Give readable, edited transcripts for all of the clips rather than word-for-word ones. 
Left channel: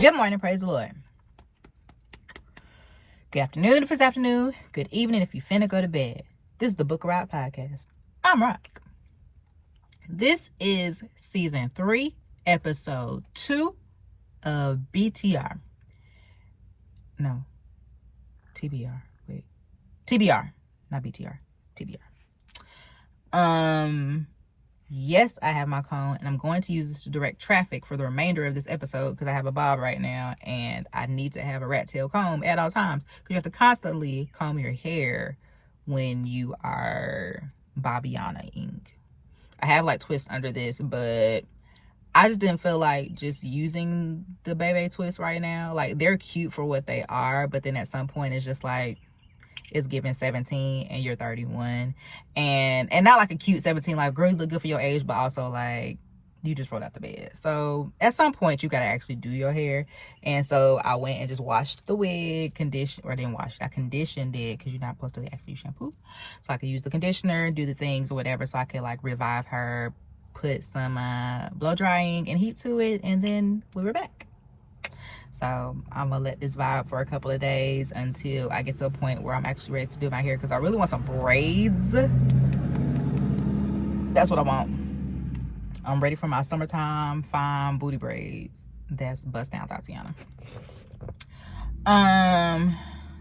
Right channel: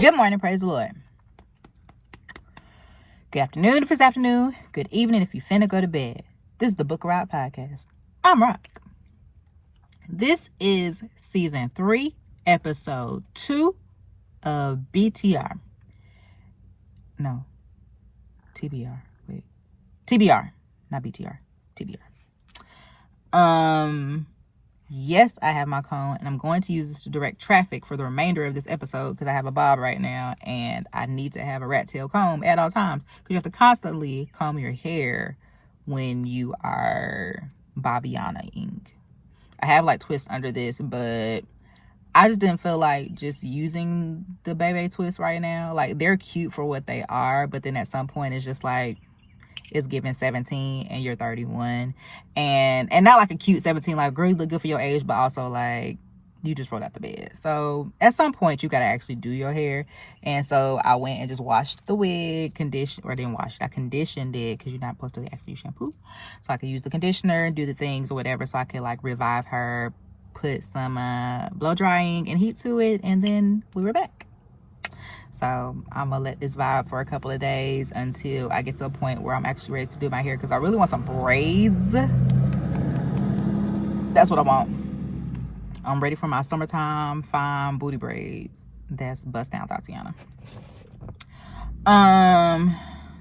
Good morning, praise the Lord. Good afternoon if it's afternoon. Good evening if you finna go to bed. This is the Book of Racq podcast. I'm Rock. This is season 3, episode 2 of BTR. No, TBR. Wait, TBR, not BTR. TBR. Yes, I have my cone, and I'm going to use this to direct traffic for the remainder of this episode because I have a bob right now, and I need to have a rat tail comb at all times because you have to constantly comb your hair when you are Bobbiana-ing. I have like twists under this, but I just didn't feel like just using the baby twist right now. Like, they're cute for what they are, but then at some point it's just like, it's giving 17 and you're 31, and not like a cute 17, like, girl, you look good for your age, but also like you just rolled out the bed. So at some point you got to actually do your hair. And so I went and just washed the wig, didn't wash it, I conditioned it because you're not supposed to actually shampoo, so I could use the conditioner, do the things or whatever, so I could like revive her, put some blow drying and heat to it, and then we were back. So I'm gonna let this vibe for a couple of days until I get to a point where I'm actually ready to do my hair, because I really want some braids. That's what I want. I'm ready for my summertime fine booty braids. That's bust down Tatiana.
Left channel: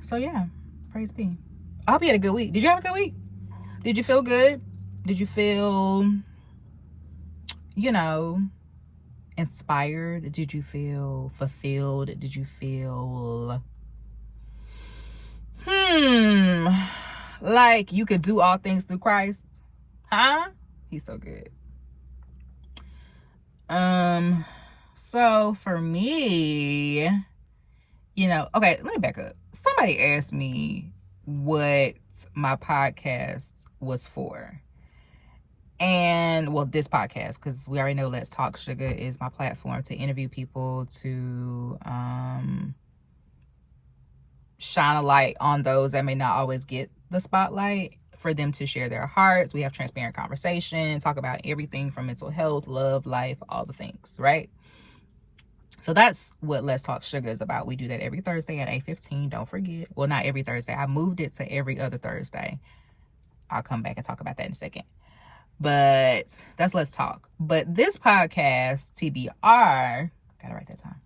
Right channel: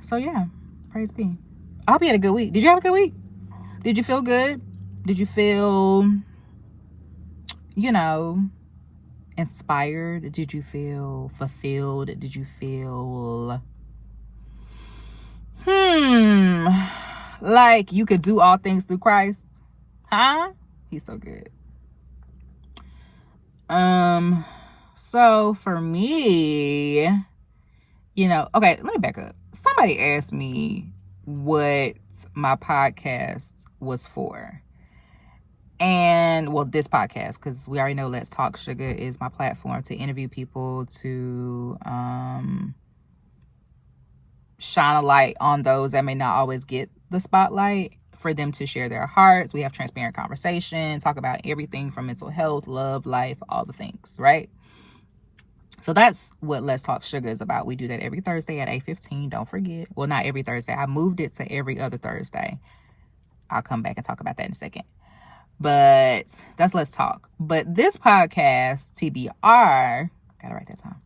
So yeah, praise be. I hope you had a good week. Did you have a good week? Did you feel good? Did you feel, inspired? Did you feel fulfilled? Did you feel like you could do all things through Christ? Huh? He's so good. So for me, okay, let me back up. Somebody asked me what my podcast was for. And well, this podcast, because we already know Let's Talk Sugar is my platform to interview people, to shine a light on those that may not always get the spotlight, for them to share their hearts. We have transparent conversation, talk about everything from mental health, love, life, all the things, right? So that's what Let's Talk Sugar is about. We do that every Thursday at 8:15. Don't forget. Well, not every Thursday. I moved it to every other Thursday. I'll come back and talk about that in a second. But that's Let's Talk. But this podcast, TBR, gotta write that down,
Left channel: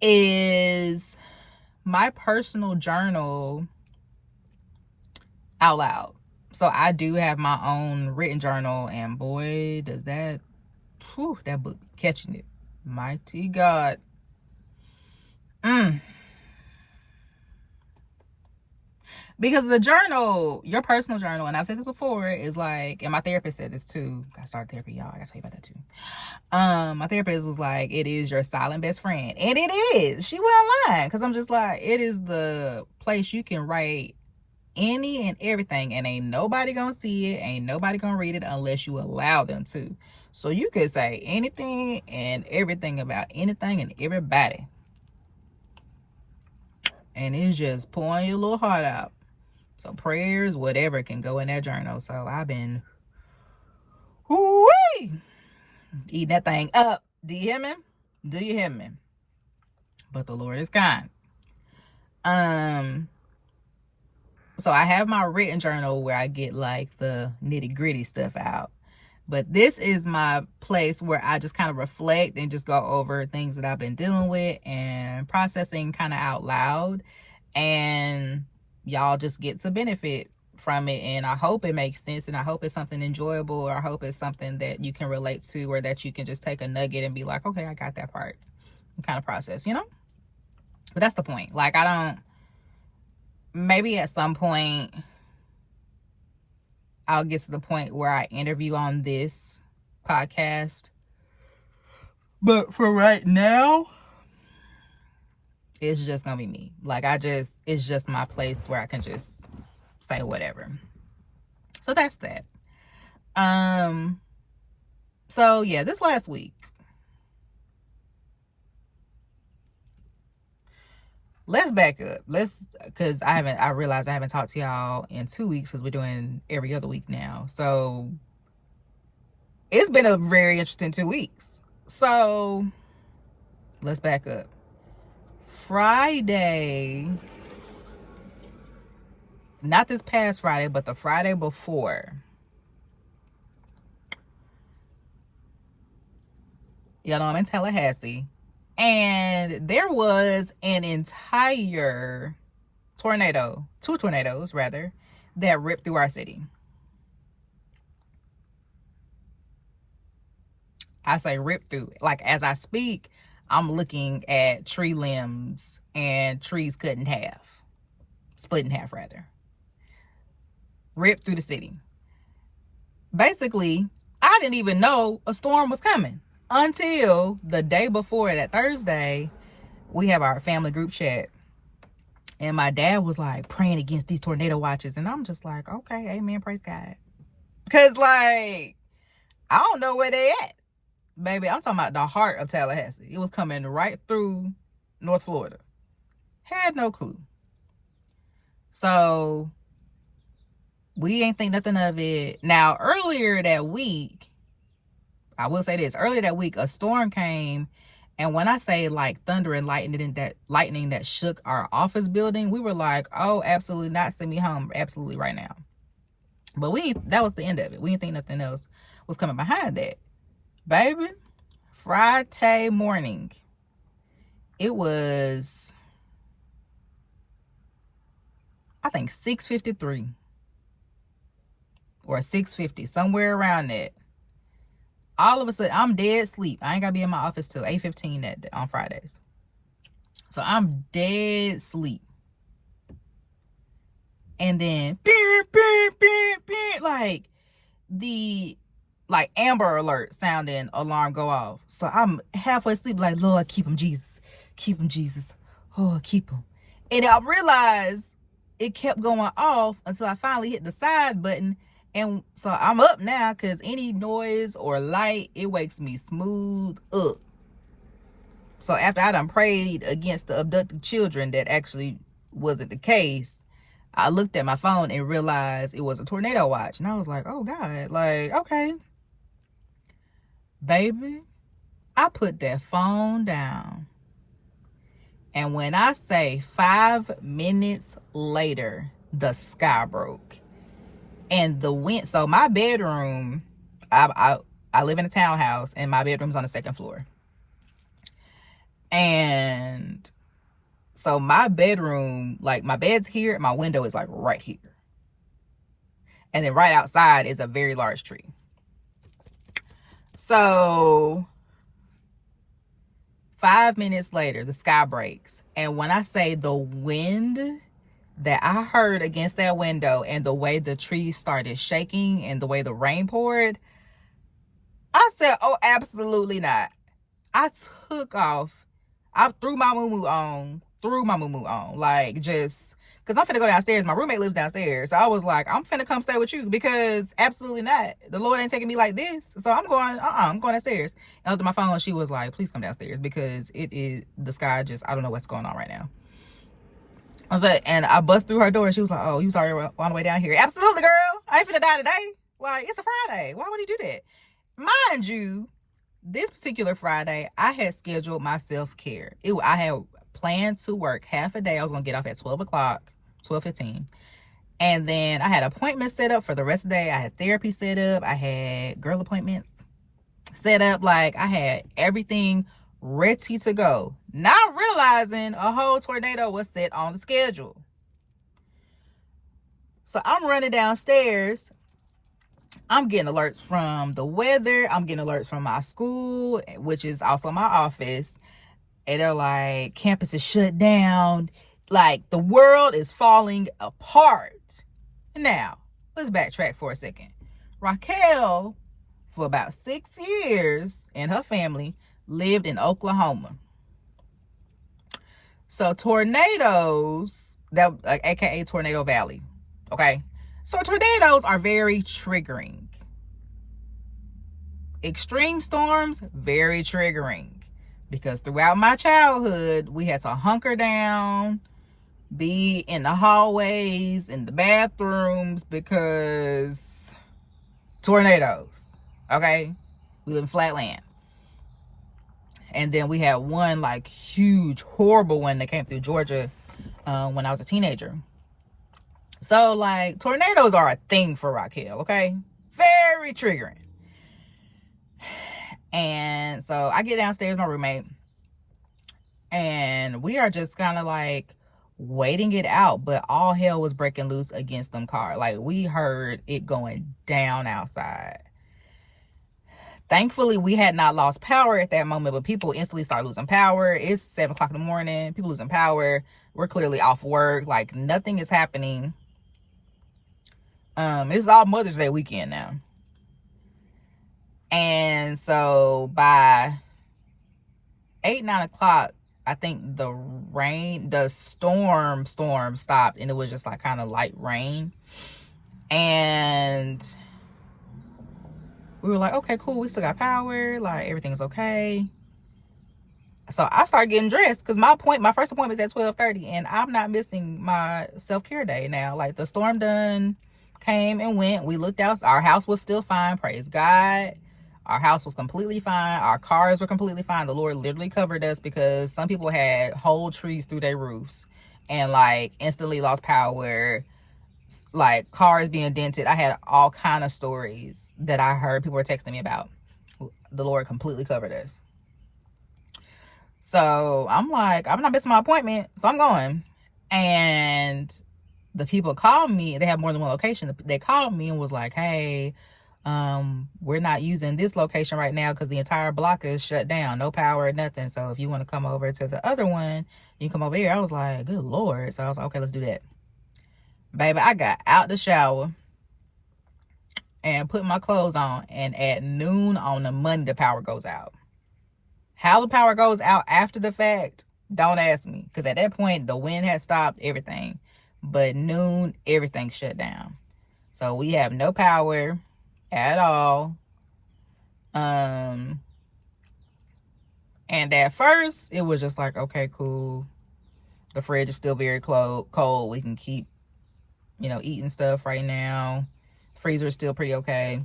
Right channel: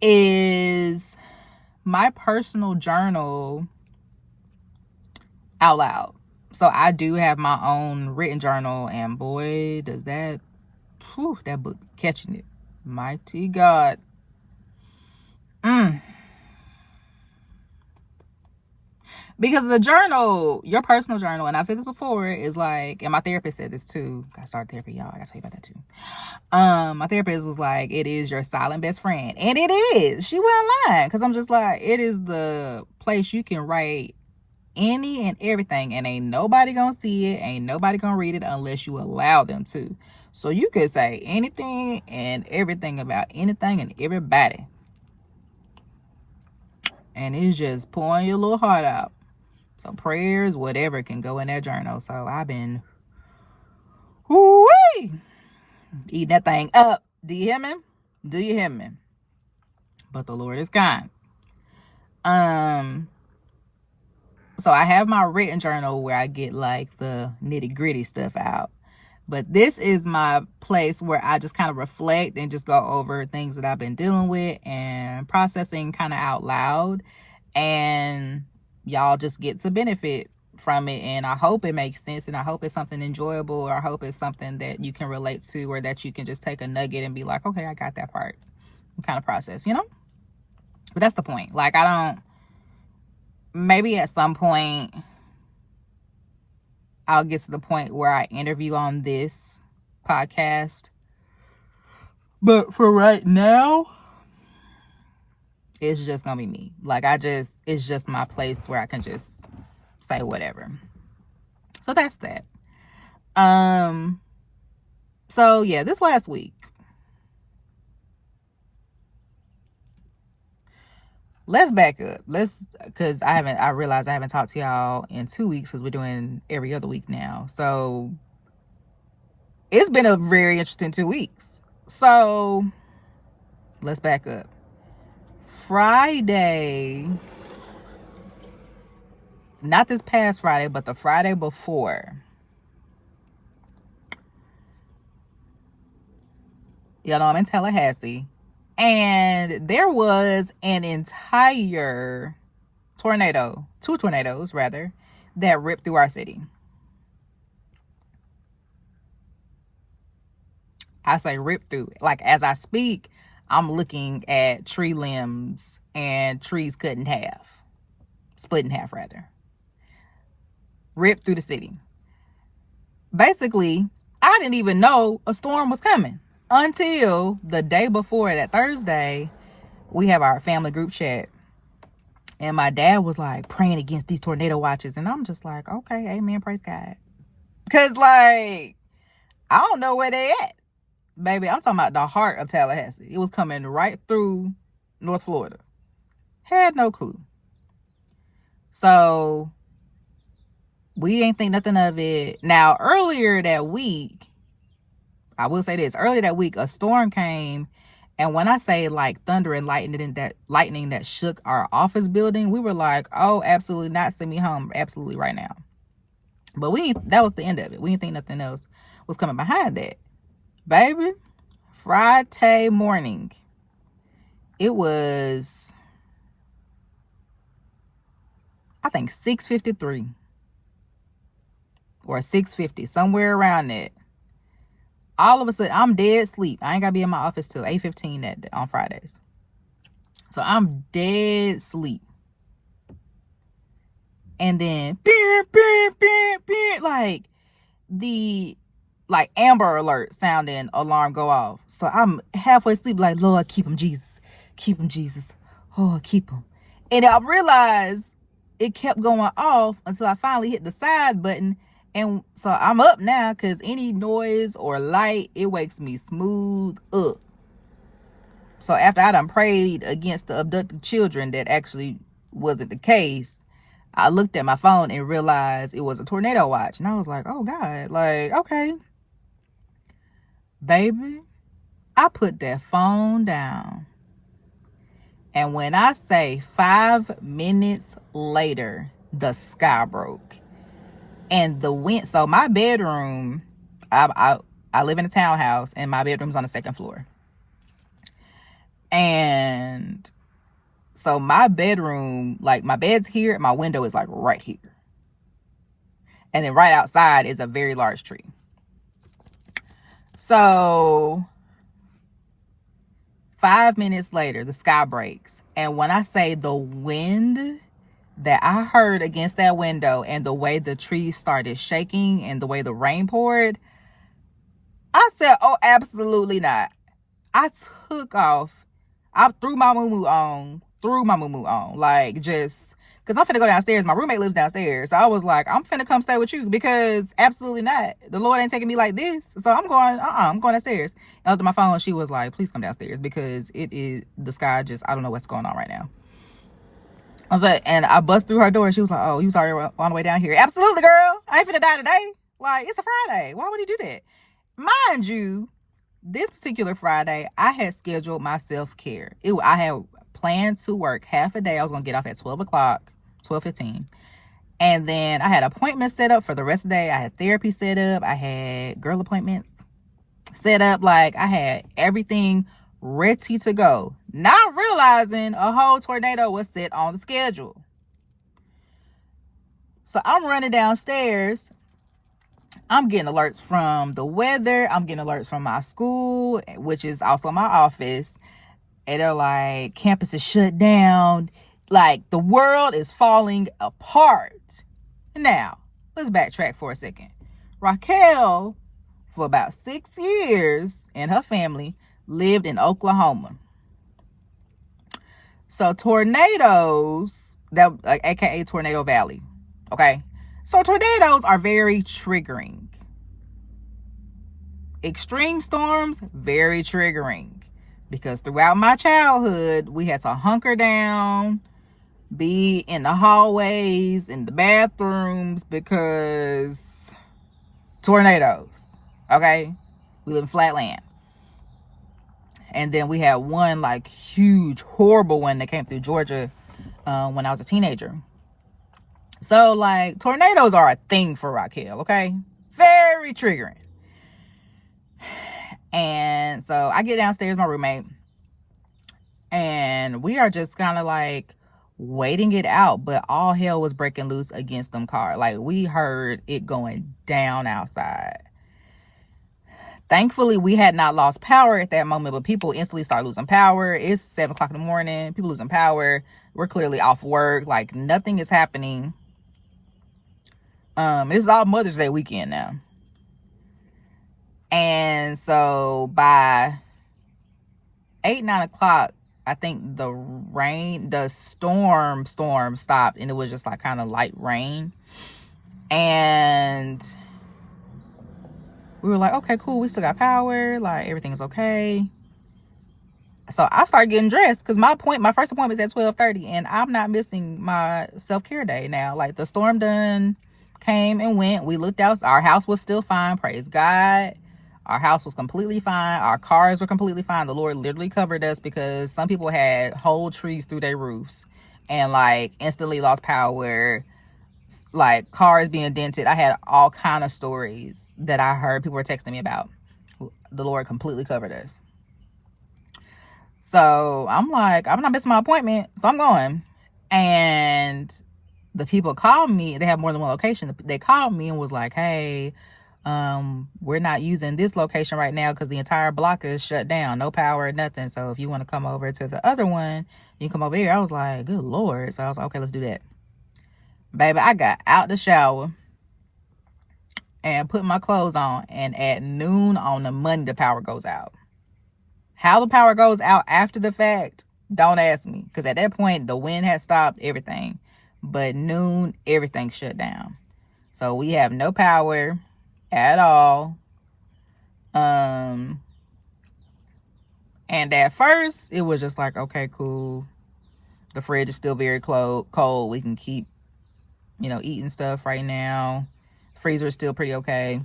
is my personal journal out loud. So I do have my own written journal, and boy, does that book catching it. Mighty God. Because the journal, your personal journal, and I've said this before, is like, and my therapist said this too. Gotta start therapy, y'all. I gotta tell you about that too. My therapist was like, it is your silent best friend. And it is. She wasn't lying. Because I'm just like, it is the place you can write any and everything, and ain't nobody gonna see it, ain't nobody gonna read it unless you allow them to. So you could say anything and everything about anything and everybody, and it's just pouring your little heart out. So prayers, whatever, can go in that journal. So I've been eating that thing up. Do you hear me? Do you hear me? But the Lord is kind. So I have my written journal where I get like the nitty gritty stuff out. But this is my place where I just kind of reflect and just go over things that I've been dealing with and processing kind of out loud. And y'all just get to benefit from it. And I hope it makes sense. And I hope it's something enjoyable. Or I hope it's something that you can relate to, or that you can just take a nugget and be like, okay, I got that part. And kind of process, But that's the point. Like, maybe at some point I'll get to the point where I interview on this podcast. But for right now, it's just gonna be me. Like, it's just my place where I can just say whatever. So that's that. So yeah, this last week, let's back up. Because I realized I haven't talked to y'all in 2 weeks, because we're doing every other week now. So it's been a very interesting 2 weeks. So let's back up. Friday, not this past Friday, but the Friday before, you know, I'm in Tallahassee, and there was an entire tornado, two tornadoes rather, that ripped through our city. I say ripped through. Like, as I speak, I'm looking at tree limbs and trees cut in half, split in half rather, ripped through the city. Basically, I didn't even know a storm was coming until the day before, that Thursday. We have our family group chat, and my dad was like praying against these tornado watches, and I'm just like, okay, amen, praise God. Because, like, I don't know where they at. Baby, I'm talking about the heart of Tallahassee. It was coming right through North Florida. Had no clue. So we ain't think nothing of it. Now, earlier that week, I will say this, earlier that week, a storm came. And when I say like thunder and lightning that shook our office building, we were like, oh, absolutely not, send me home absolutely right now. But that was the end of it. We didn't think nothing else was coming behind that. Baby, Friday morning, it was, I think, 6:53 or 6:50, somewhere around that. All of a sudden, I'm dead asleep. I ain't got to be in my office till 8:15 on Fridays. So I'm dead asleep. And then, like, the Amber Alert sounding alarm go off. So I'm halfway asleep, like, Lord, keep him, Jesus. Keep him, Jesus. Oh, keep him. And I realized it kept going off until I finally hit the side button. And so I'm up now, because any noise or light, it wakes me smooth up. So after I done prayed against the abducted children, that actually wasn't the case, I looked at my phone and realized it was a tornado watch. And I was like, oh God, like, okay. Baby, I put that phone down. And when I say 5 minutes later, the sky broke. And the wind, so my bedroom, I live in a townhouse, and my bedroom's on the second floor. And so my bedroom, like, my bed's here, my window is like right here. And then right outside is a very large tree. So 5 minutes later, the sky breaks. And when I say the wind that I heard against that window, and the way the trees started shaking and the way the rain poured, I said, oh, absolutely not. I took off. I threw my moo-moo on, like, just, because I'm finna go downstairs. My roommate lives downstairs. So I was like, I'm finna come stay with you, because absolutely not. The Lord ain't taking me like this. So I'm going downstairs. And after my phone, she was like, please come downstairs, because it is, the sky just, I don't know what's going on right now. I was like, and I bust through her door. She was like, oh, you was already on the way down here. Absolutely, girl. I ain't finna die today. Like, it's a Friday. Why would he do that? Mind you, this particular Friday, I had scheduled my self-care. I had planned to work half a day. I was going to get off at 12 o'clock, 12:15. And then I had appointments set up for the rest of the day. I had therapy set up. I had girl appointments set up. Like, I had everything ready to go. Not realizing a whole tornado was set on the schedule. So I'm running downstairs. I'm getting alerts from the weather. I'm getting alerts from my school, which is also my office. And they're like, campus is shut down. Like, the world is falling apart. Now, let's backtrack for a second. Raquel, for about 6 years, and her family lived in Oklahoma. So tornadoes, aka Tornado Valley, okay? So tornadoes are very triggering. Extreme storms, very triggering. Because throughout my childhood, we had to hunker down, be in the hallways, in the bathrooms, because tornadoes, okay? We live in flat land. And then we had one like huge, horrible one that came through Georgia when I was a teenager. So like tornadoes are a thing for Raquel, okay? Very triggering. And so I get downstairs with my roommate, and we are just kind of like waiting it out, but all hell was breaking loose against them cars. Like, we heard it going down outside. Thankfully, we had not lost power at that moment, but people instantly start losing power. It's 7 o'clock in the morning. People losing power. We're clearly off work. Like, nothing is happening. This is all Mother's Day weekend now. And so by 8-9 o'clock, I think the storm stopped, and it was just like kind of light rain. And we were like, okay, cool, we still got power, like everything's okay. So I started getting dressed because my first appointment is at 12:30, and I'm not missing my self-care day now. Like, the storm done came and went. We looked out, our house was still fine, praise God. Our house was completely fine. Our cars were completely fine. The Lord literally covered us, because some people had whole trees through their roofs and like instantly lost power, like cars being dented. I had all kind of stories that I heard people were texting me about. The Lord completely covered us. So I'm like, I'm not missing my appointment, so I'm going. And the people called me. They have more than one location. They called me and was like, hey, we're not using this location right now because the entire block is shut down, no power, nothing. So if you want to come over to the other one, you can come over here. I was like, good Lord. So I was like, okay, let's do that. Baby, I got out the shower and put my clothes on, and at noon on the Monday, the power goes out. How the power goes out after the fact, don't ask me, because at that point the wind had stopped, everything. But noon, everything shut down. So we have no power at all. And at first it was just like, okay, cool, the fridge is still very cold, we can keep, eating stuff right now. Freezer is still pretty okay.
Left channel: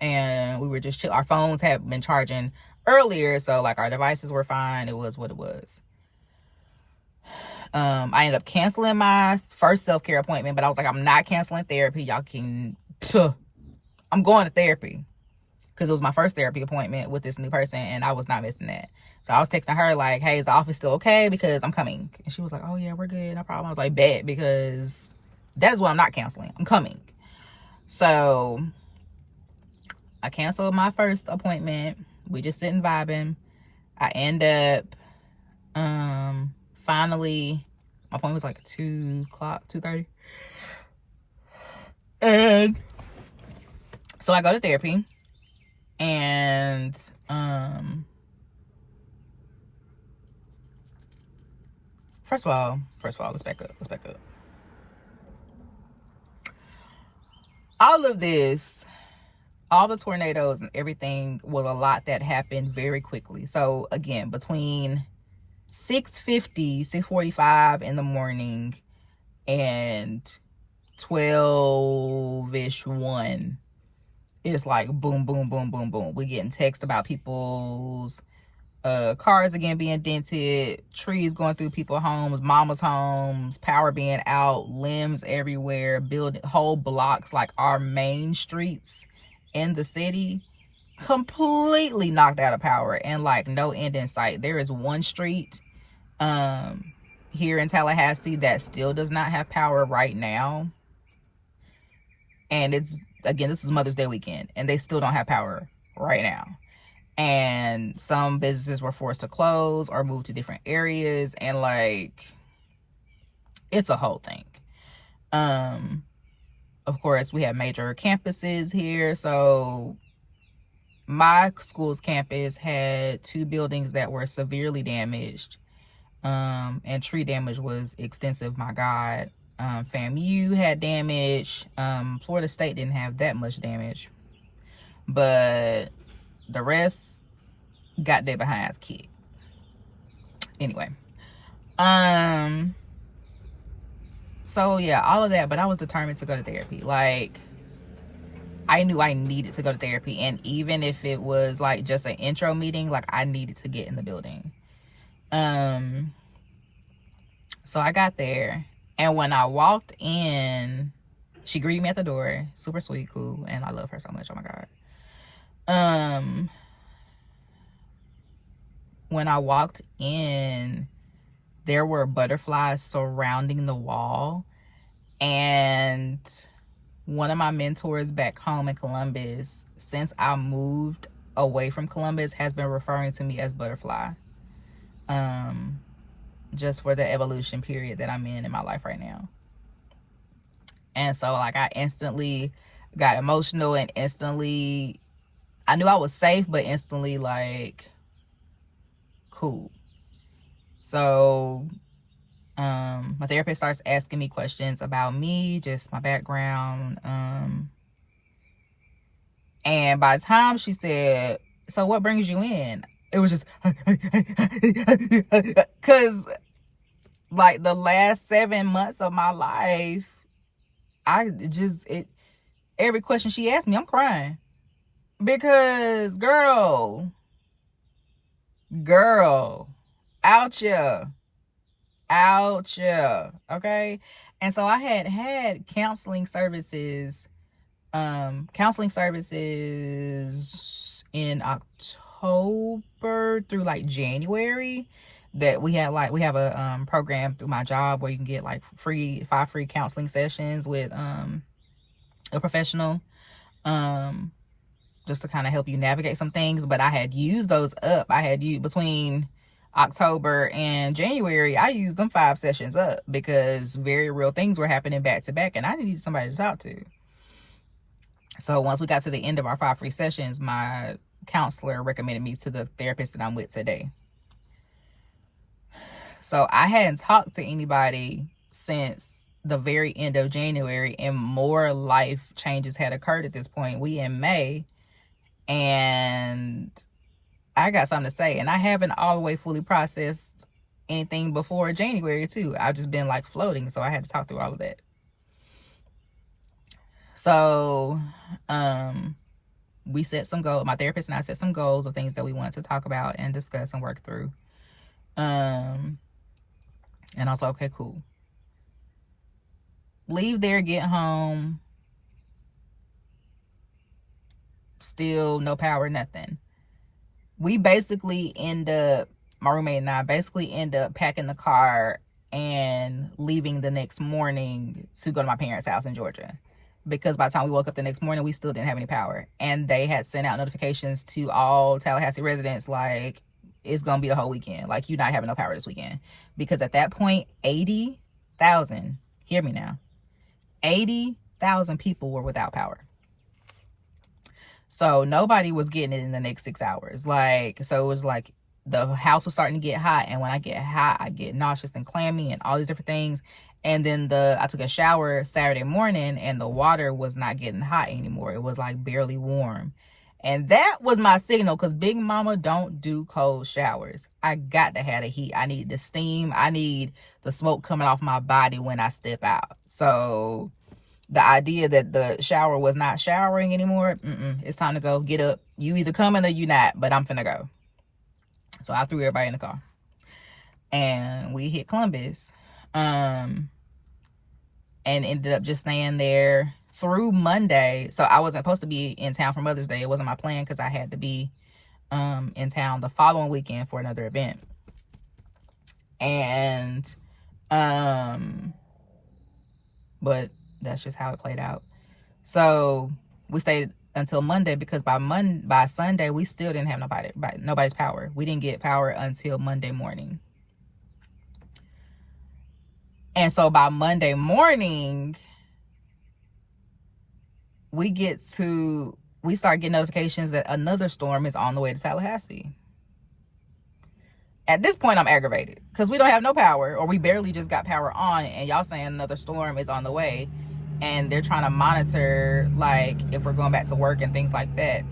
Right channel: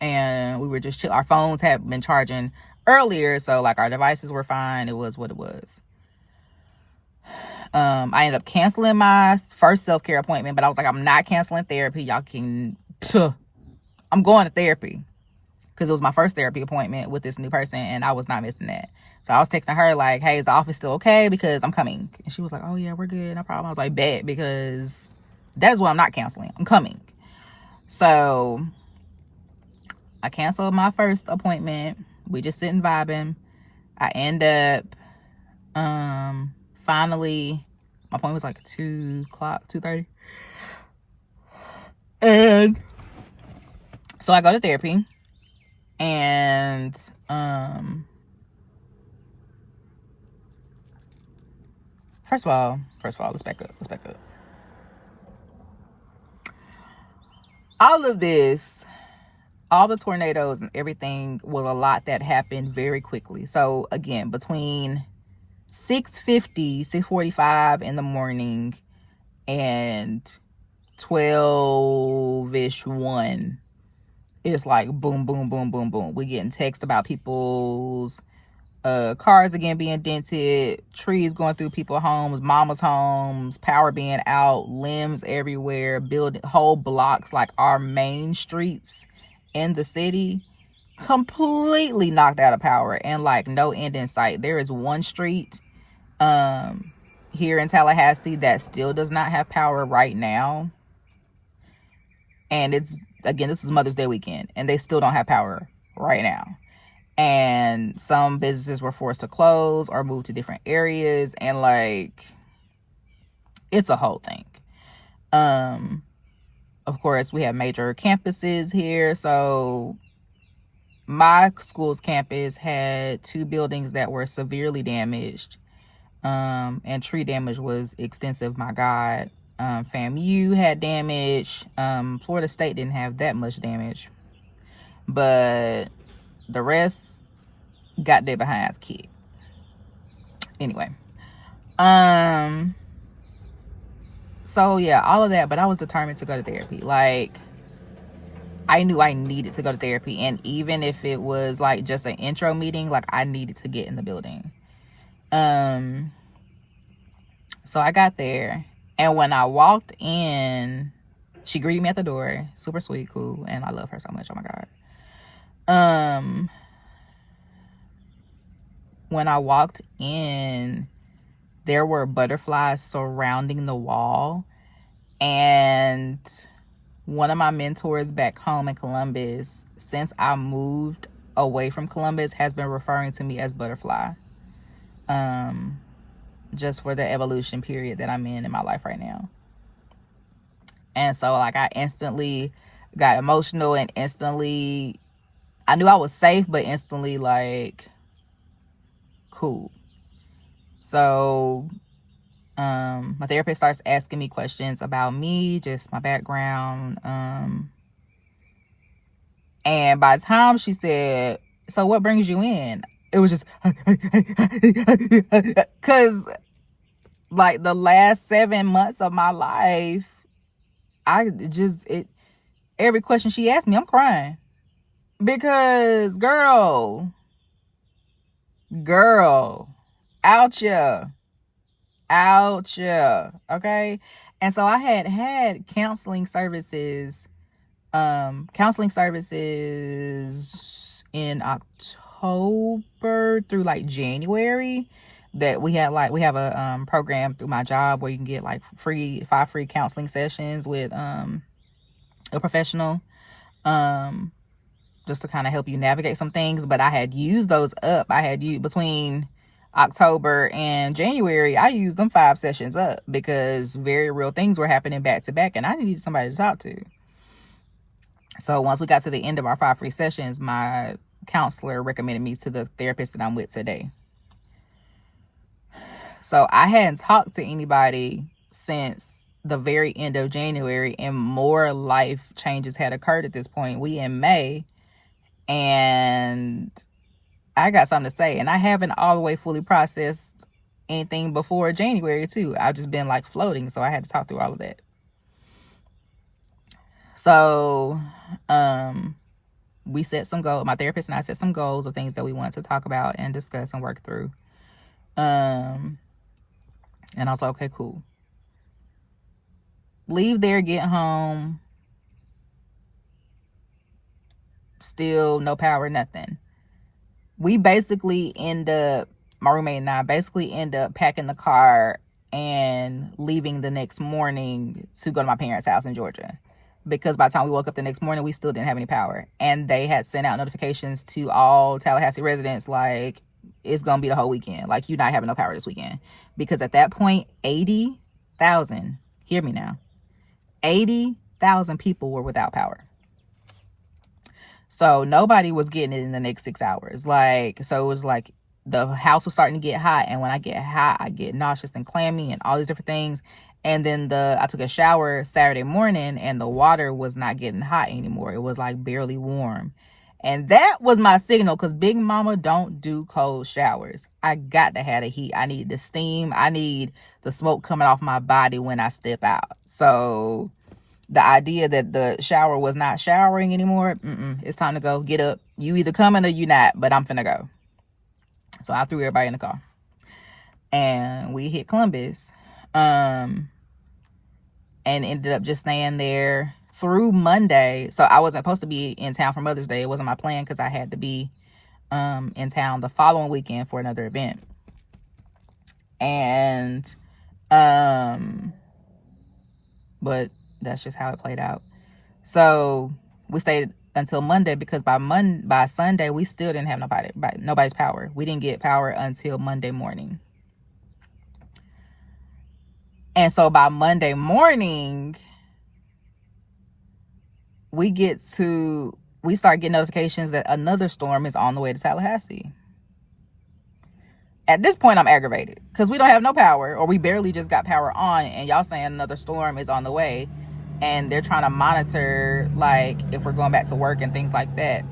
And we were just chill. Our phones had been charging earlier, so like our devices were fine. It was what it was. I ended up canceling my first self-care appointment, but I was like, I'm not canceling therapy. Y'all can I'm going to therapy, because it was my first therapy appointment with this new person, and I was not missing that. So I was texting her like, hey, is the office still okay? Because I'm coming. And she was like, oh yeah, we're good, no problem. I was like, bet, because that is what I'm not canceling. I'm coming. So I canceled my first appointment. We just sitting vibing. I end up finally, my appointment was like 2 o'clock, 2:30. And so I go to therapy, and first of all, let's back up. All of this, all the tornadoes and everything, was a lot that happened very quickly. So again, between 6:45 in the morning and 12-ish 1, it's like boom, boom, boom, boom, boom. We getting text about people's cars again being dented, trees going through people's homes, mama's homes, power being out, limbs everywhere, building whole blocks, like our main streets in the city, completely knocked out of power, and like no end in sight. There is one street here in Tallahassee that still does not have power right now, and it's, again, this is Mother's Day weekend, and they still don't have power right now. And some businesses were forced to close or move to different areas, and like, it's a whole thing. Of course, we have major campuses here. So my school's campus had 2 buildings that were severely damaged, and tree damage was extensive. My God. FAMU had damage. Florida State didn't have that much damage, but the rest got their behinds kicked. Anyway, so yeah, all of that. But I was determined to go to therapy. Like, I knew I needed to go to therapy. And even if it was like just an intro meeting, like I needed to get in the building. So I got there, and when I walked in, she greeted me at the door. Super sweet, cool, and I love her so much. Oh my God. When I walked in, there were butterflies surrounding the wall, and one of my mentors back home in Columbus, since I moved away from Columbus, has been referring to me as Butterfly. Just for the evolution period that I'm in my life right now. And so like I instantly got emotional, and instantly I knew I was safe, but instantly like cool. So my therapist starts asking me questions about me, just my background. And by the time she said, so what brings you in? It was just because like the last 7 months of my life, every question she asked me, I'm crying. Because girl, out ya, okay? And so I had counseling services in October through like January, that we have a program through my job where you can get like 5 free counseling sessions with a professional, just to kind of help you navigate some things. But I had used those up. I had used between October and January, I used them 5 sessions up because very real things were happening back to back, and I needed somebody to talk to. So once we got to the end of our 5 free sessions, my counselor recommended me to the therapist that I'm with today. So I hadn't talked to anybody since the very end of January, and more life changes had occurred at this point. We in May, and I got something to say, and I haven't all the way fully processed anything before January too. I've just been like floating, so I had to talk through all of that. So we set some goals. My therapist and I set some goals of things that we wanted to talk about and discuss and work through. And I was like, okay, cool. Leave there, get home, still no power, nothing. We basically my roommate and I basically end up packing the car and leaving the next morning to go to my parents' house in Georgia. Because by the time we woke up the next morning, we still didn't have any power. And they had sent out notifications to all Tallahassee residents, like, it's going to be the whole weekend. Like, you're not having no power this weekend. Because at that point, 80,000, hear me now, 80,000 people were without power. So nobody was getting it in the next 6 hours. Like, so it was like the house was starting to get hot. And when I get hot, I get nauseous and clammy and all these different things. And then I took a shower Saturday morning, and the water was not getting hot anymore. It was like barely warm. And that was my signal, because Big Mama don't do cold showers. I got to have the heat. I need the steam. I need the smoke coming off my body when I step out. So the idea that the shower was not showering anymore, it's time to go. Get up. You either coming or you not, but I'm finna go. So I threw everybody in the car. And we hit Columbus. And ended up just staying there through Monday. So I wasn't supposed to be in town for Mother's Day. It wasn't my plan, because I had to be in town the following weekend for another event. And but that's just how it played out. So we stayed until Monday, because by Sunday we still didn't have nobody's power. We didn't get power until Monday morning. And so by Monday morning, we start getting notifications that another storm is on the way to Tallahassee. At this point, I'm aggravated, because we don't have no power, or we barely just got power on, and y'all saying another storm is on the way, and they're trying to monitor, like, if we're going back to work and things like that,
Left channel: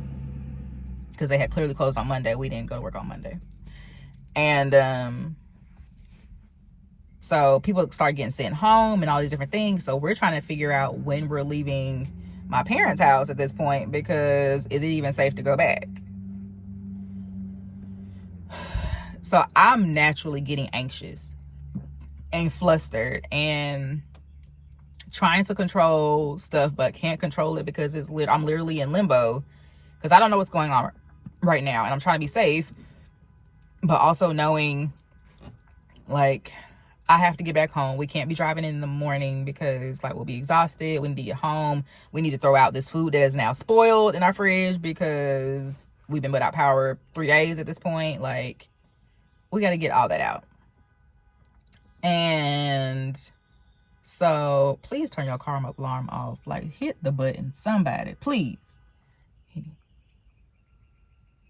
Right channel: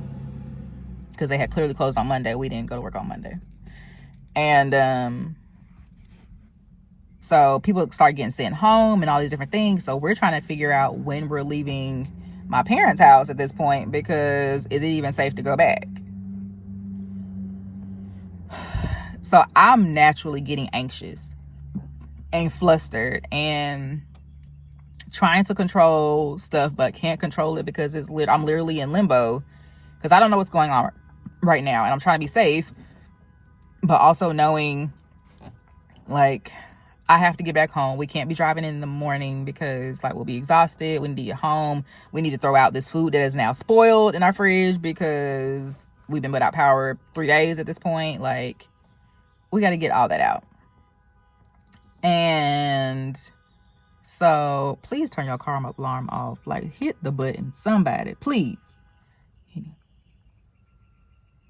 because they had clearly closed on Monday. We didn't go to work on Monday. And so people start getting sent home and all these different things. So we're trying to figure out when we're leaving my parents' house at this point, because is it even safe to go back? So I'm naturally getting anxious and flustered and trying to control stuff, but can't control it because I'm literally in limbo, because I don't know what's going on right now, and I'm trying to be safe, but also knowing, like, I have to get back home. We can't be driving in the morning because, like, we'll be exhausted. We need to get home. We need to throw out this food that is now spoiled in our fridge because we've been without power 3 days at this point. Like, we got to get all that out. And so please turn your car alarm off. Like, hit the button, somebody, please.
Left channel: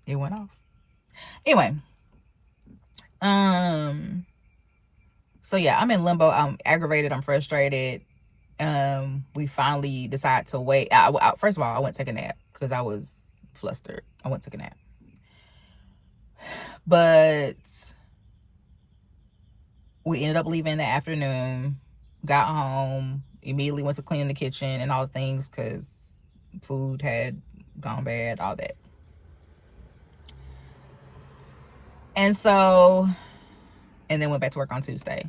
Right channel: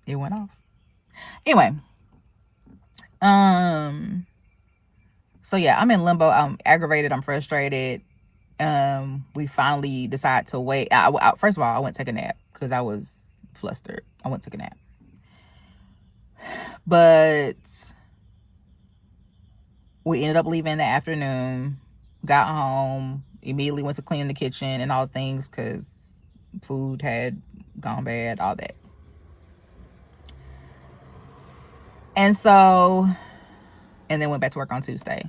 It went off. Anyway, so yeah, I'm in limbo. I'm aggravated. I'm frustrated. We finally decide to wait. First of all, I went to take a nap because I was flustered. I went to take a nap. But we ended up leaving in the afternoon, got home, immediately went to clean the kitchen and all the things because food had gone bad, all that. And then went back to work on Tuesday.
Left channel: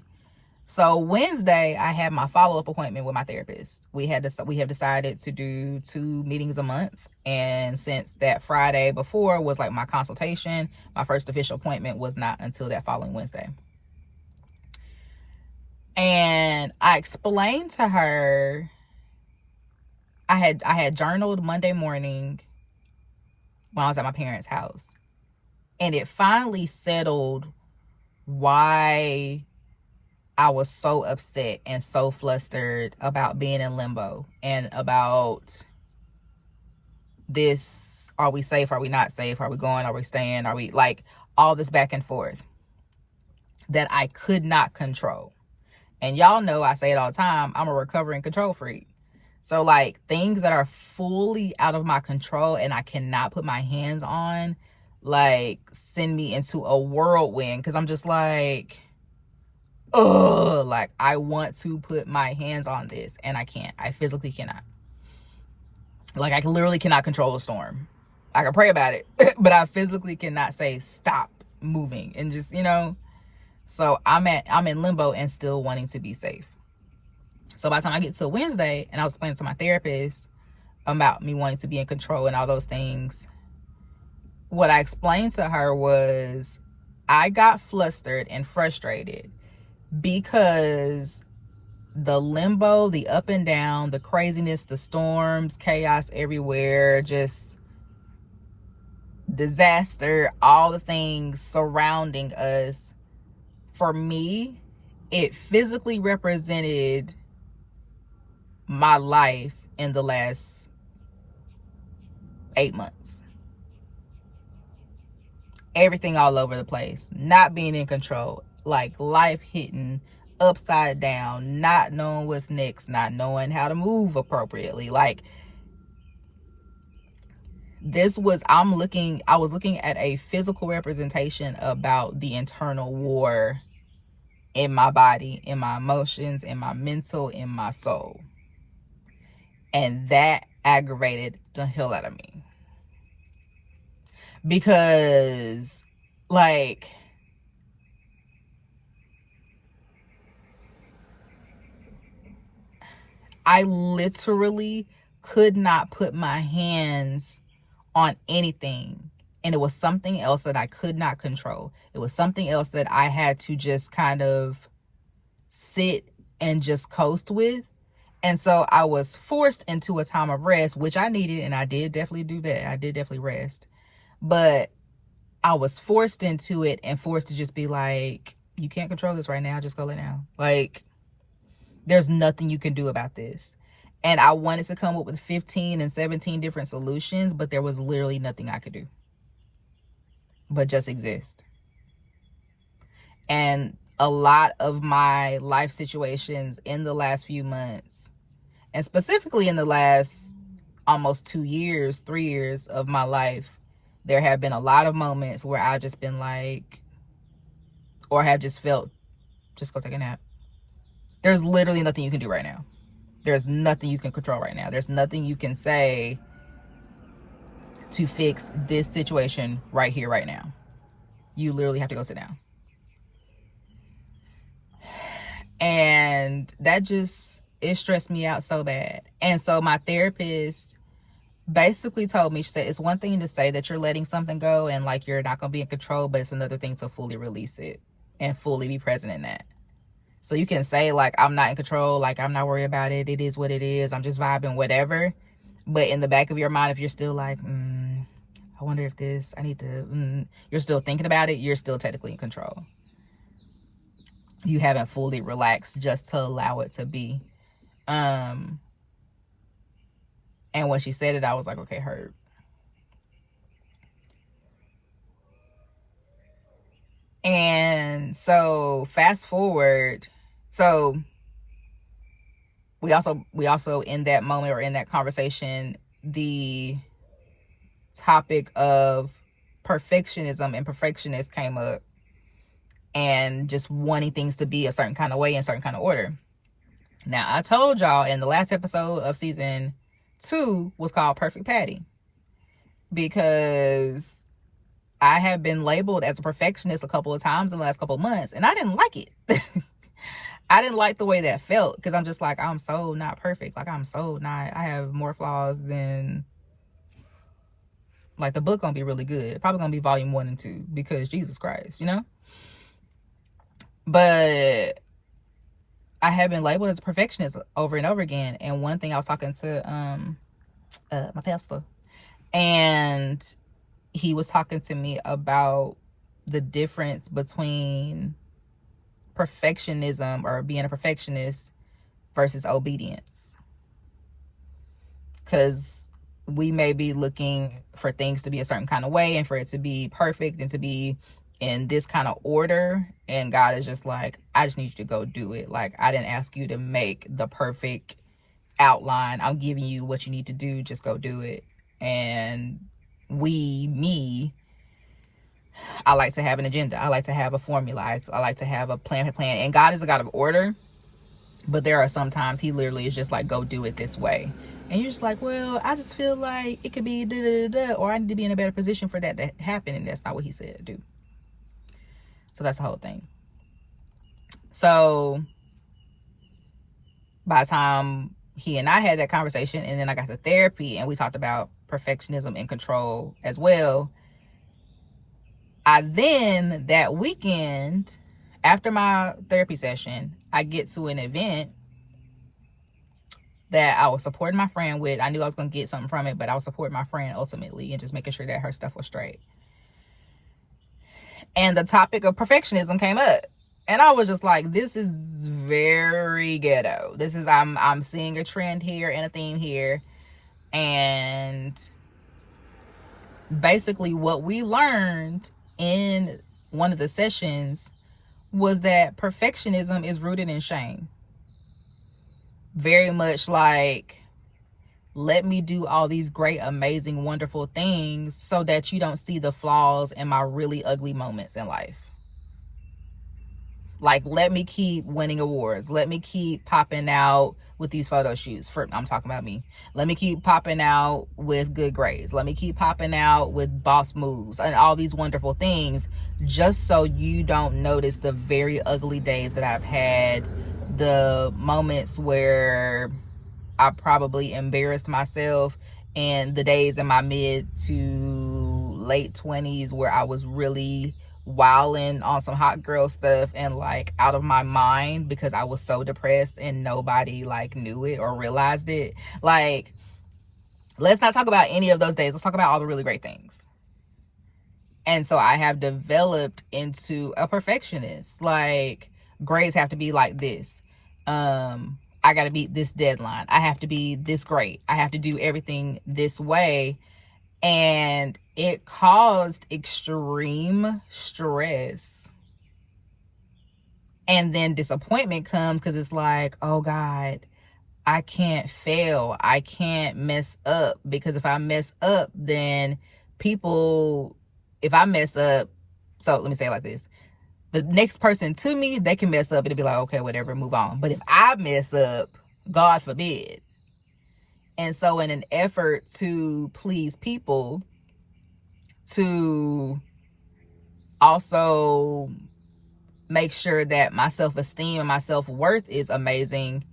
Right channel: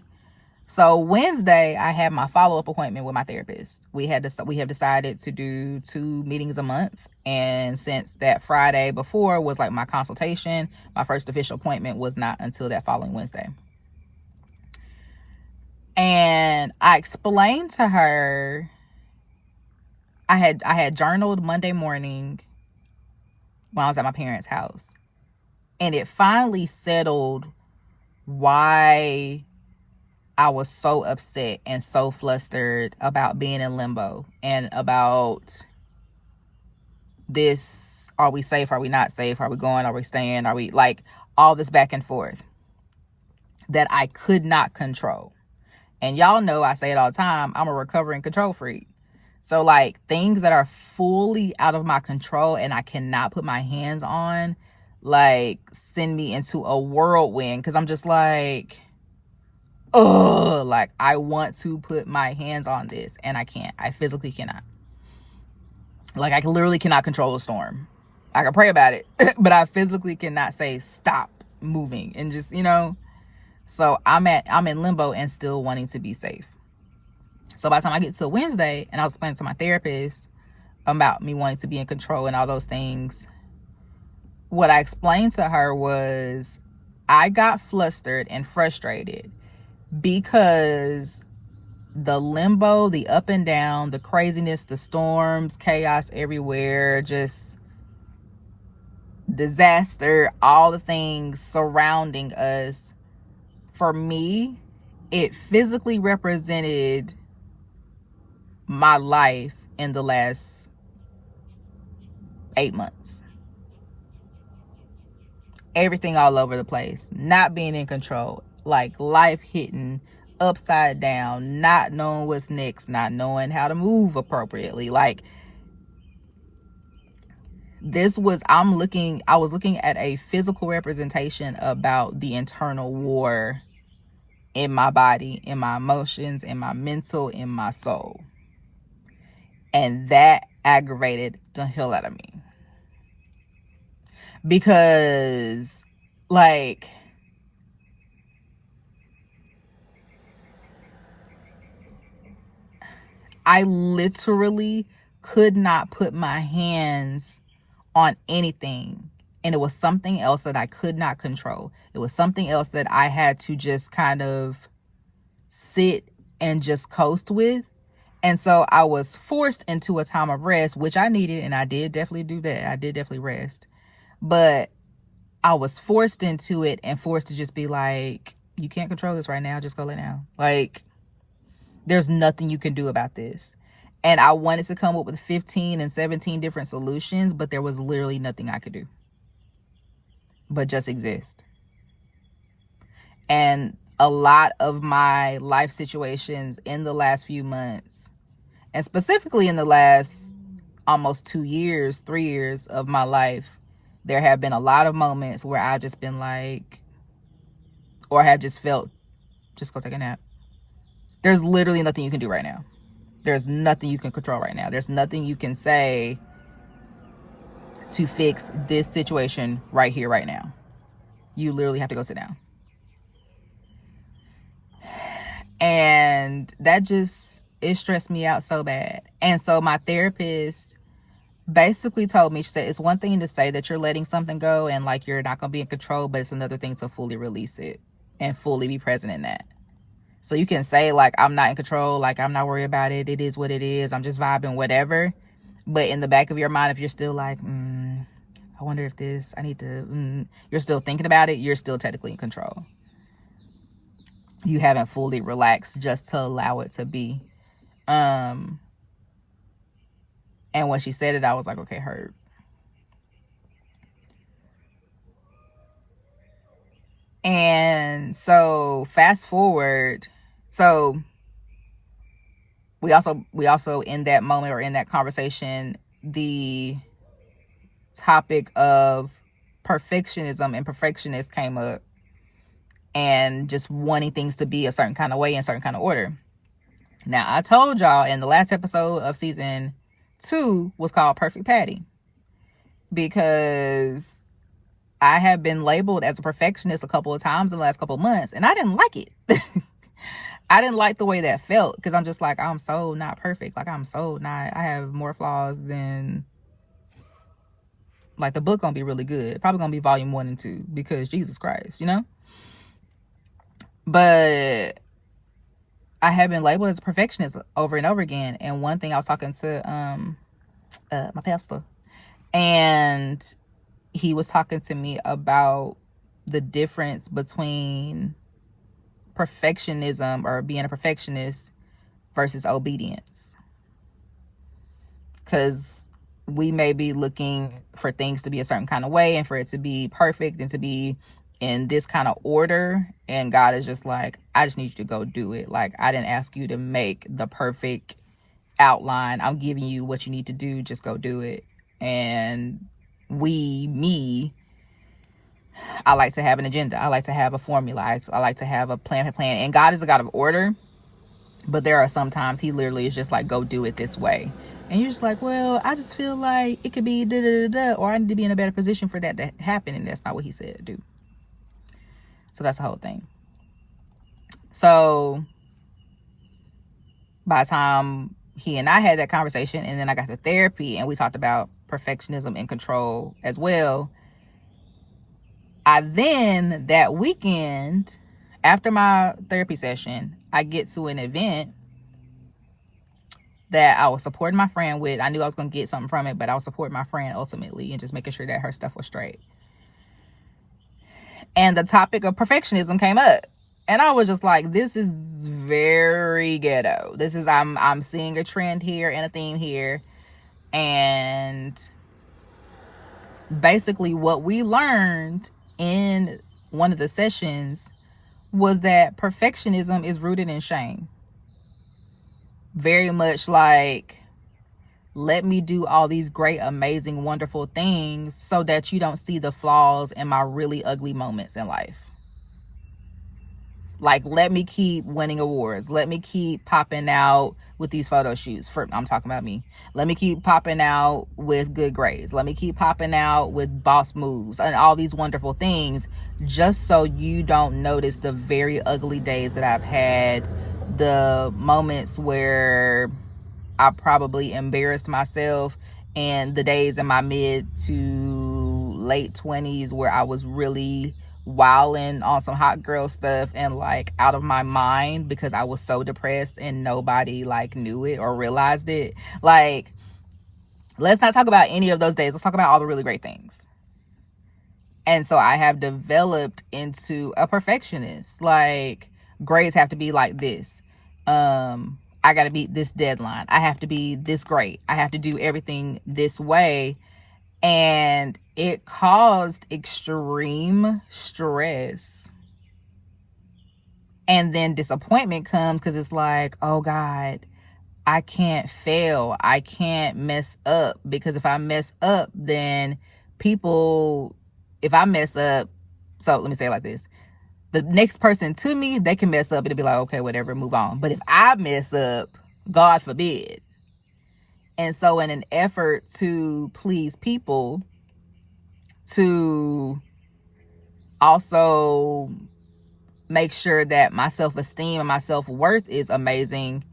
So Wednesday, I had my follow-up appointment with my therapist. We have decided to do 2 meetings a month. And since that Friday before was like my consultation, my first official appointment was not until that following Wednesday. And I explained to her, I had journaled Monday morning when I was at my parents' house. And it finally settled why I was so upset and so flustered about being in limbo and about this. Are we safe? Are we not safe? Are we going? Are we staying? Are we, like, all this back and forth that I could not control. And y'all know I say it all the time, I'm a recovering control freak. So, like, things that are fully out of my control and I cannot put my hands on, like, send me into a whirlwind, because I'm just like, ugh, like, I want to put my hands on this and I can't. I physically cannot. Like, I literally cannot control a storm. I can pray about it, but I physically cannot say stop moving and just, so I'm in limbo and still wanting to be safe. So by the time I get to Wednesday, and I was explaining to my therapist about me wanting to be in control and all those things, what I explained to her was I got flustered and frustrated because the limbo, the up and down, the craziness, the storms, chaos everywhere, just disaster, all the things surrounding us, for me, it physically represented my life in the last 8 months. Everything all over the place, not being in control, like life hitting upside down, not knowing what's next, not knowing how to move appropriately. Like, I was looking at a physical representation about the internal war in my body, in my emotions, in my mental, in my soul. And that aggravated the hell out of me. Because, like, I literally could not put my hands on anything. And it was something else that I could not control. It was something else that I had to just kind of sit and just coast with. And so I was forced into a time of rest, which I needed, and I did definitely do that. I did definitely rest. But I was forced into it and forced to just be like, you can't control this right now. Just go lay down. Like, there's nothing you can do about this. And I wanted to come up with 15 and 17 different solutions, but there was literally nothing I could do but just exist. And a lot of my life situations in the last few months, and specifically in the last almost 2 years, 3 years of my life, there have been a lot of moments where I've just been like, or have just felt, just go take a nap. There's literally nothing you can do right now. There's nothing you can control right now. There's nothing you can say to fix this situation right here, right now. You literally have to go sit down. And that just, it stressed me out so bad. And so my therapist basically told me, she said, it's one thing to say that you're letting something go and like you're not going to be in control, but it's another thing to fully release it and fully be present in that. So you can say like, I'm not in control, like I'm not worried about it, it is what it is, I'm just vibing, whatever. But in the back of your mind, if you're still like, I wonder if this, I need to, you're still thinking about it, you're still technically in control. You haven't fully relaxed just to allow it to be. And when she said it, I was like, okay, heard. And so fast forward, so we also in that moment or in that conversation, the topic of perfectionism and perfectionist came up, and just wanting things to be a certain kind of way, in a certain kind of order. Now, I told y'all in the last episode of season 2 was called Perfect Patty, because I have been labeled as a perfectionist a couple of times in the last couple of months, and I didn't like it. I didn't like the way that felt, because I'm just like, I'm so not perfect. Like, I have more flaws than, like, the book gonna be really good. Probably gonna be volume 1 and 2, because Jesus Christ, you know? But I have been labeled as a perfectionist over and over again. And one thing, I was talking to my pastor, and he was talking to me about the difference between perfectionism or being a perfectionist versus obedience. Because we may be looking for things to be a certain kind of way and for it to be perfect and to be in this kind of order, and God is just like, I just need you to go do it. Like, I didn't ask you to make the perfect outline. I'm giving you what you need to do. Just go do it. And I like to have an agenda. I like to have a formula. I like to have a plan. And God is a God of order, but there are some times he literally is just like, go do it this way. And you're just like, well, I just feel like it could be da da da da, or I need to be in a better position for that to happen. And that's not what he said, do. So that's the whole thing. So by the time he and I had that conversation, and then I got to therapy and we talked about perfectionism and control as well, I then, that weekend, after my therapy session, I get to an event that I was supporting my friend with. I knew I was going to get something from it, but I was supporting my friend ultimately and just making sure that her stuff was straight. And the topic of perfectionism came up. And I was just like, this is very ghetto. This is, I'm seeing a trend here and a theme here. And basically what we learned in one of the sessions was that perfectionism is rooted in shame. Very much like, let me do all these great, amazing, wonderful things so that you don't see the flaws in my really ugly moments in life. Like, let me keep winning awards. Let me keep popping out with these photo shoots. I'm talking about me. Let me keep popping out with good grades. Let me keep popping out with boss moves and all these wonderful things, just so you don't notice the very ugly days that I've had, the moments where I probably embarrassed myself, and the days in my mid to late 20s where I was really wilding on some hot girl stuff and like out of my mind because I was so depressed and nobody like knew it or realized it. Like, let's not talk about any of those days. Let's talk about all the really great things. And so I have developed into a perfectionist. Like, grades have to be like this. I got to beat this deadline. I have to be this great. I have to do everything this way. And it caused extreme stress. And then disappointment comes because it's like, oh God, I can't fail. I can't mess up, because if I mess up, then if I mess up, so let me say it like this. The next person to me, they can mess up. It'll be like, okay, whatever, move on. But if I mess up, God forbid. And so in an effort to please people, to also make sure that my self-esteem and my self-worth is amazing,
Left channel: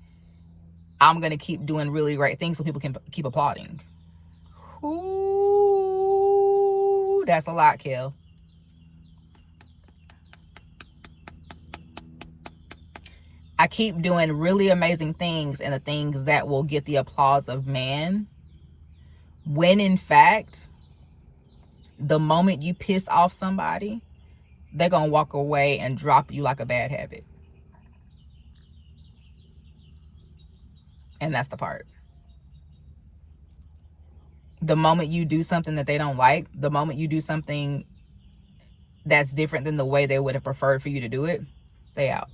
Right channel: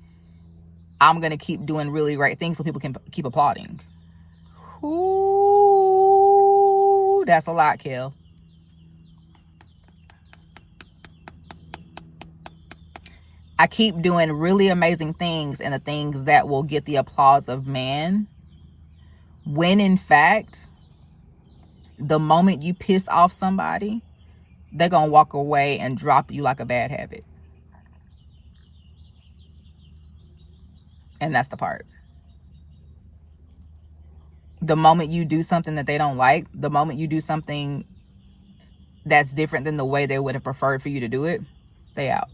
I'm going to keep doing really great things so people can keep applauding. Ooh, that's a lot, Kel. I keep doing really amazing things and the things that will get the applause of man, when in fact, the moment you piss off somebody, they're going to walk away and drop you like a bad habit. And that's the part. The moment you do something that they don't like, the moment you do something that's different than the way they would have preferred for you to do it, they out.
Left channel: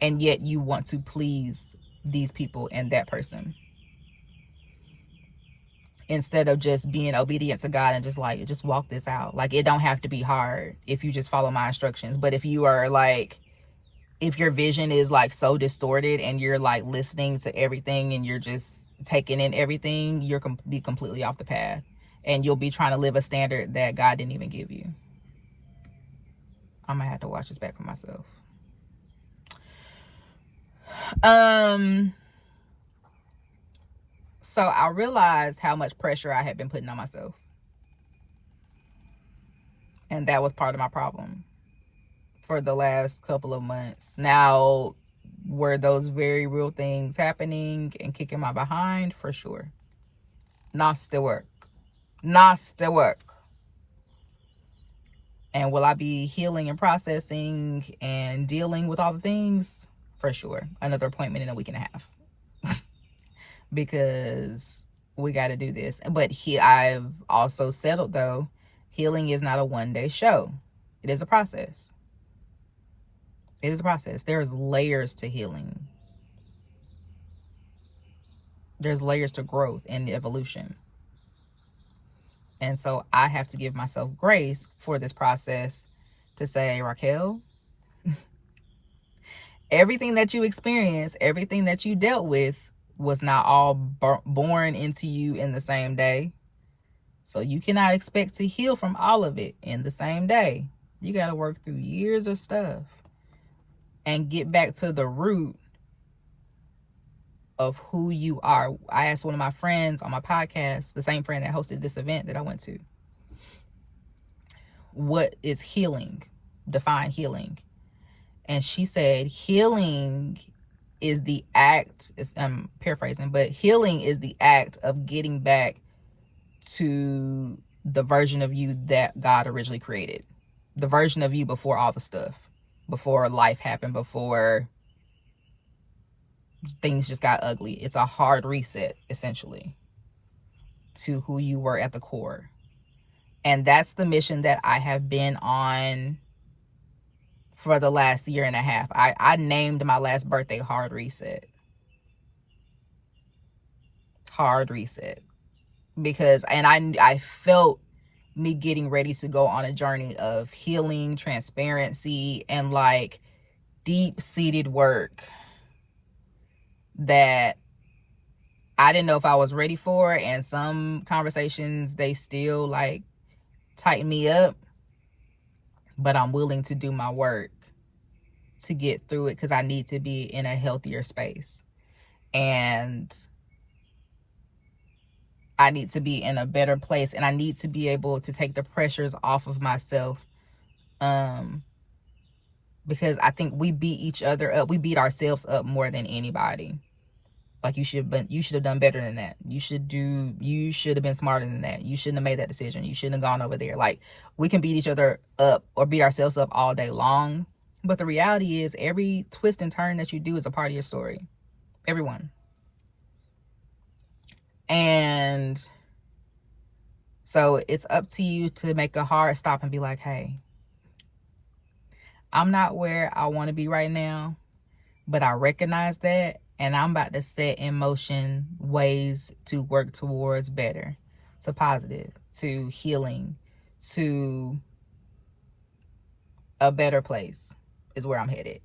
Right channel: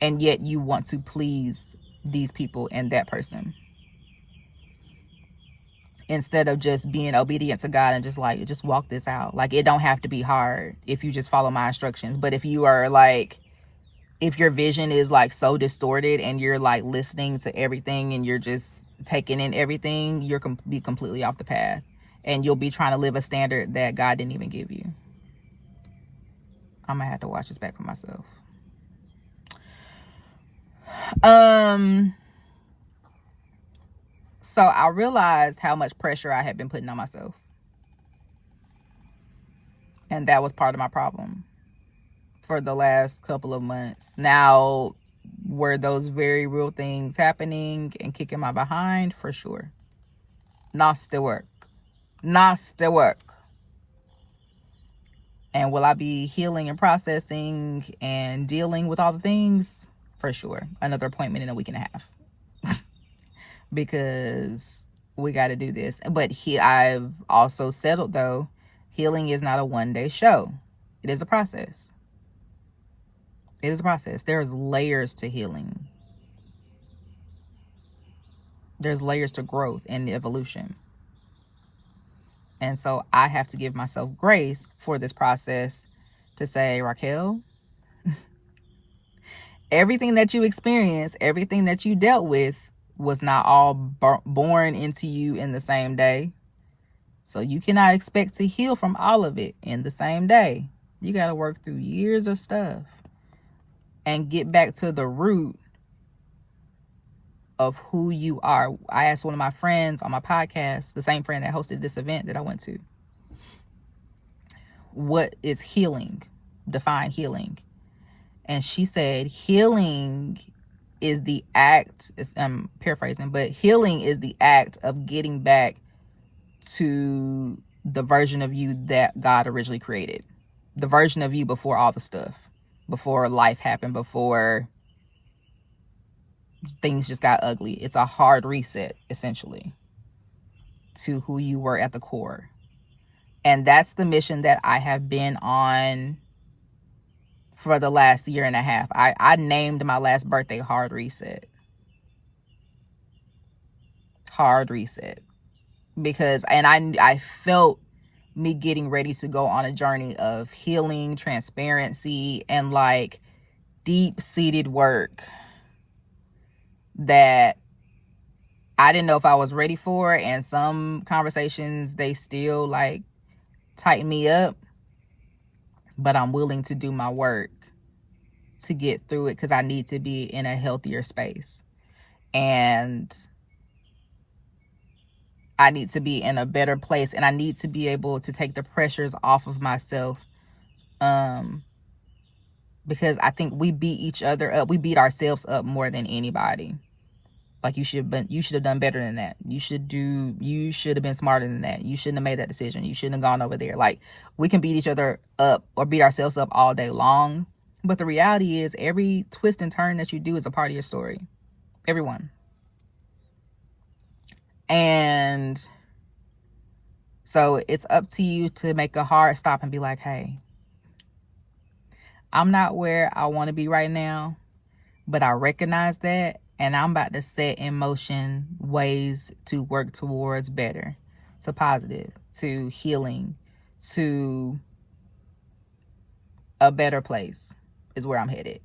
And yet you want to please these people and that person, instead of just being obedient to God and just walk this out. Like, it don't have to be hard if you just follow my instructions. But if you are like, if your vision is like so distorted and you're like listening to everything and you're just taking in everything, you're be completely off the path, and you'll be trying to live a standard that God didn't even give you. I'm gonna have to watch this back for myself. So I realized how much pressure I had been putting on myself, and that was part of my problem for the last couple of months. Now, were those very real things happening and kicking my behind? For sure. Nasty work. And will I be healing and processing and dealing with all the things? For sure. Another appointment in a week and a half. Because we got to do this. But I've also settled, though, healing is not a one-day show. It is a process. It is a process. There's layers to healing. There's layers to growth and evolution. And so I have to give myself grace for this process to say, Raquel, everything that you experienced, everything that you dealt with was not all born into you in the same day. So you cannot expect to heal from all of it in the same day. You got to work through years of stuff and get back to the root of who you are. I asked one of my friends on my podcast, the same friend that hosted this event that I went to, what is healing? Define healing. And she said, healing is the act, I'm paraphrasing, but healing is the act of getting back to the version of you that God originally created. The version of you before all the stuff, before life happened, before things just got ugly. It's a hard reset, essentially, to who you were at the core. And that's the mission that I have been on for the last year and a half. I named my last birthday Hard Reset. Hard Reset. Because, and I felt me getting ready to go on a journey of healing, transparency, and like deep-seated work that I didn't know if I was ready for. And some conversations, they still like tighten me up, but I'm willing to do my work to get through it, because I need to be in a healthier space, and I need to be in a better place, and I need to be able to take the pressures off of myself, because I think we beat each other up. We beat ourselves up more than anybody. Like, you should have done better than that. You should have been smarter than that. You shouldn't have made that decision. You shouldn't have gone over there. Like, we can beat each other up or beat ourselves up all day long. But the reality is, every twist and turn that you do is a part of your story. Everyone. And so it's up to you to make a hard stop and be like, hey, I'm not where I want to be right now, but I recognize that, and I'm about to set in motion ways to work towards better, to positive, to healing, to a better place is where I'm headed.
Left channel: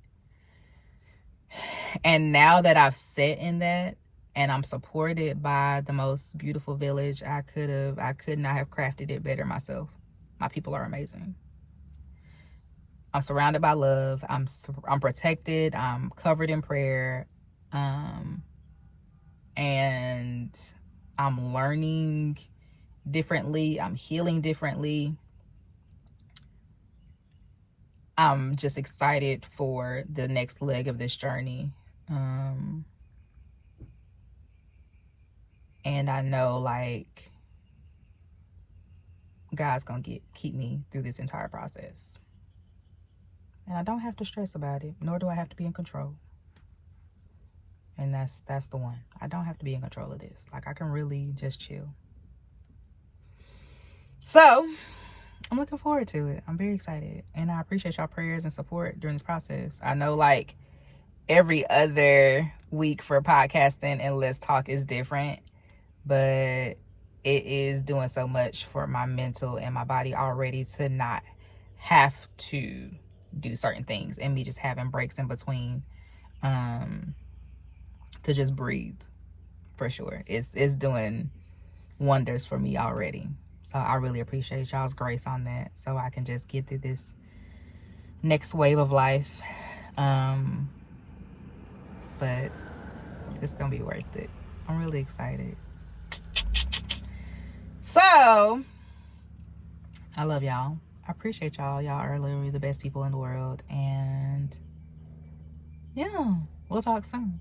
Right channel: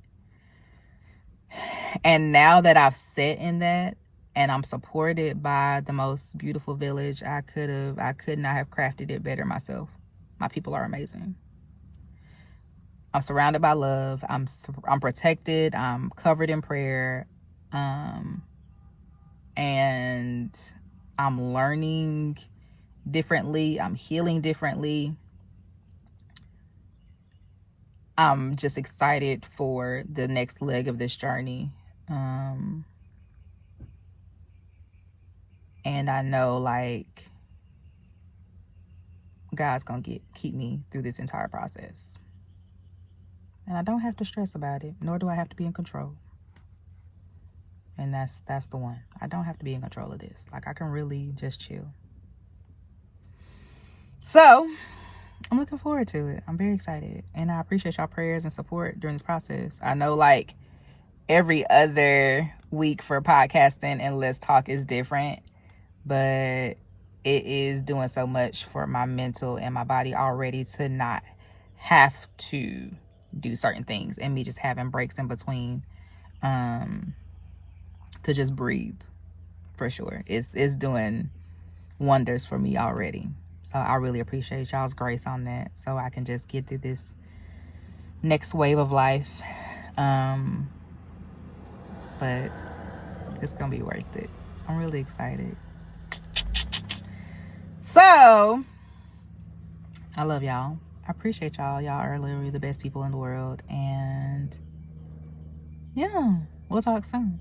And now that I've sat in that and I'm supported by the most beautiful village, I could not have crafted it better myself. My people are amazing. I'm surrounded by love. I'm protected. I'm covered in prayer. And I'm learning differently. I'm healing differently. I'm just excited for the next leg of this journey. And I know, like, God's gonna keep me through this entire process. And I don't have to stress about it, nor do I have to be in control. And that's the one. I don't have to be in control of this. Like, I can really just chill. So I'm looking forward to it. I'm very excited. And I appreciate y'all prayers and support during this process. I know, like, every other week for podcasting and Let's Talk is different, but it is doing so much for my mental and my body already to not have to do certain things, and me just having breaks in between to just breathe. For sure, it's doing wonders for me already. So I really appreciate y'all's grace on that, so I can just get through this next wave of life. But it's gonna be worth it. I'm really excited. So I love y'all. I appreciate y'all. Y'all are literally the best people in the world. And yeah, we'll talk soon.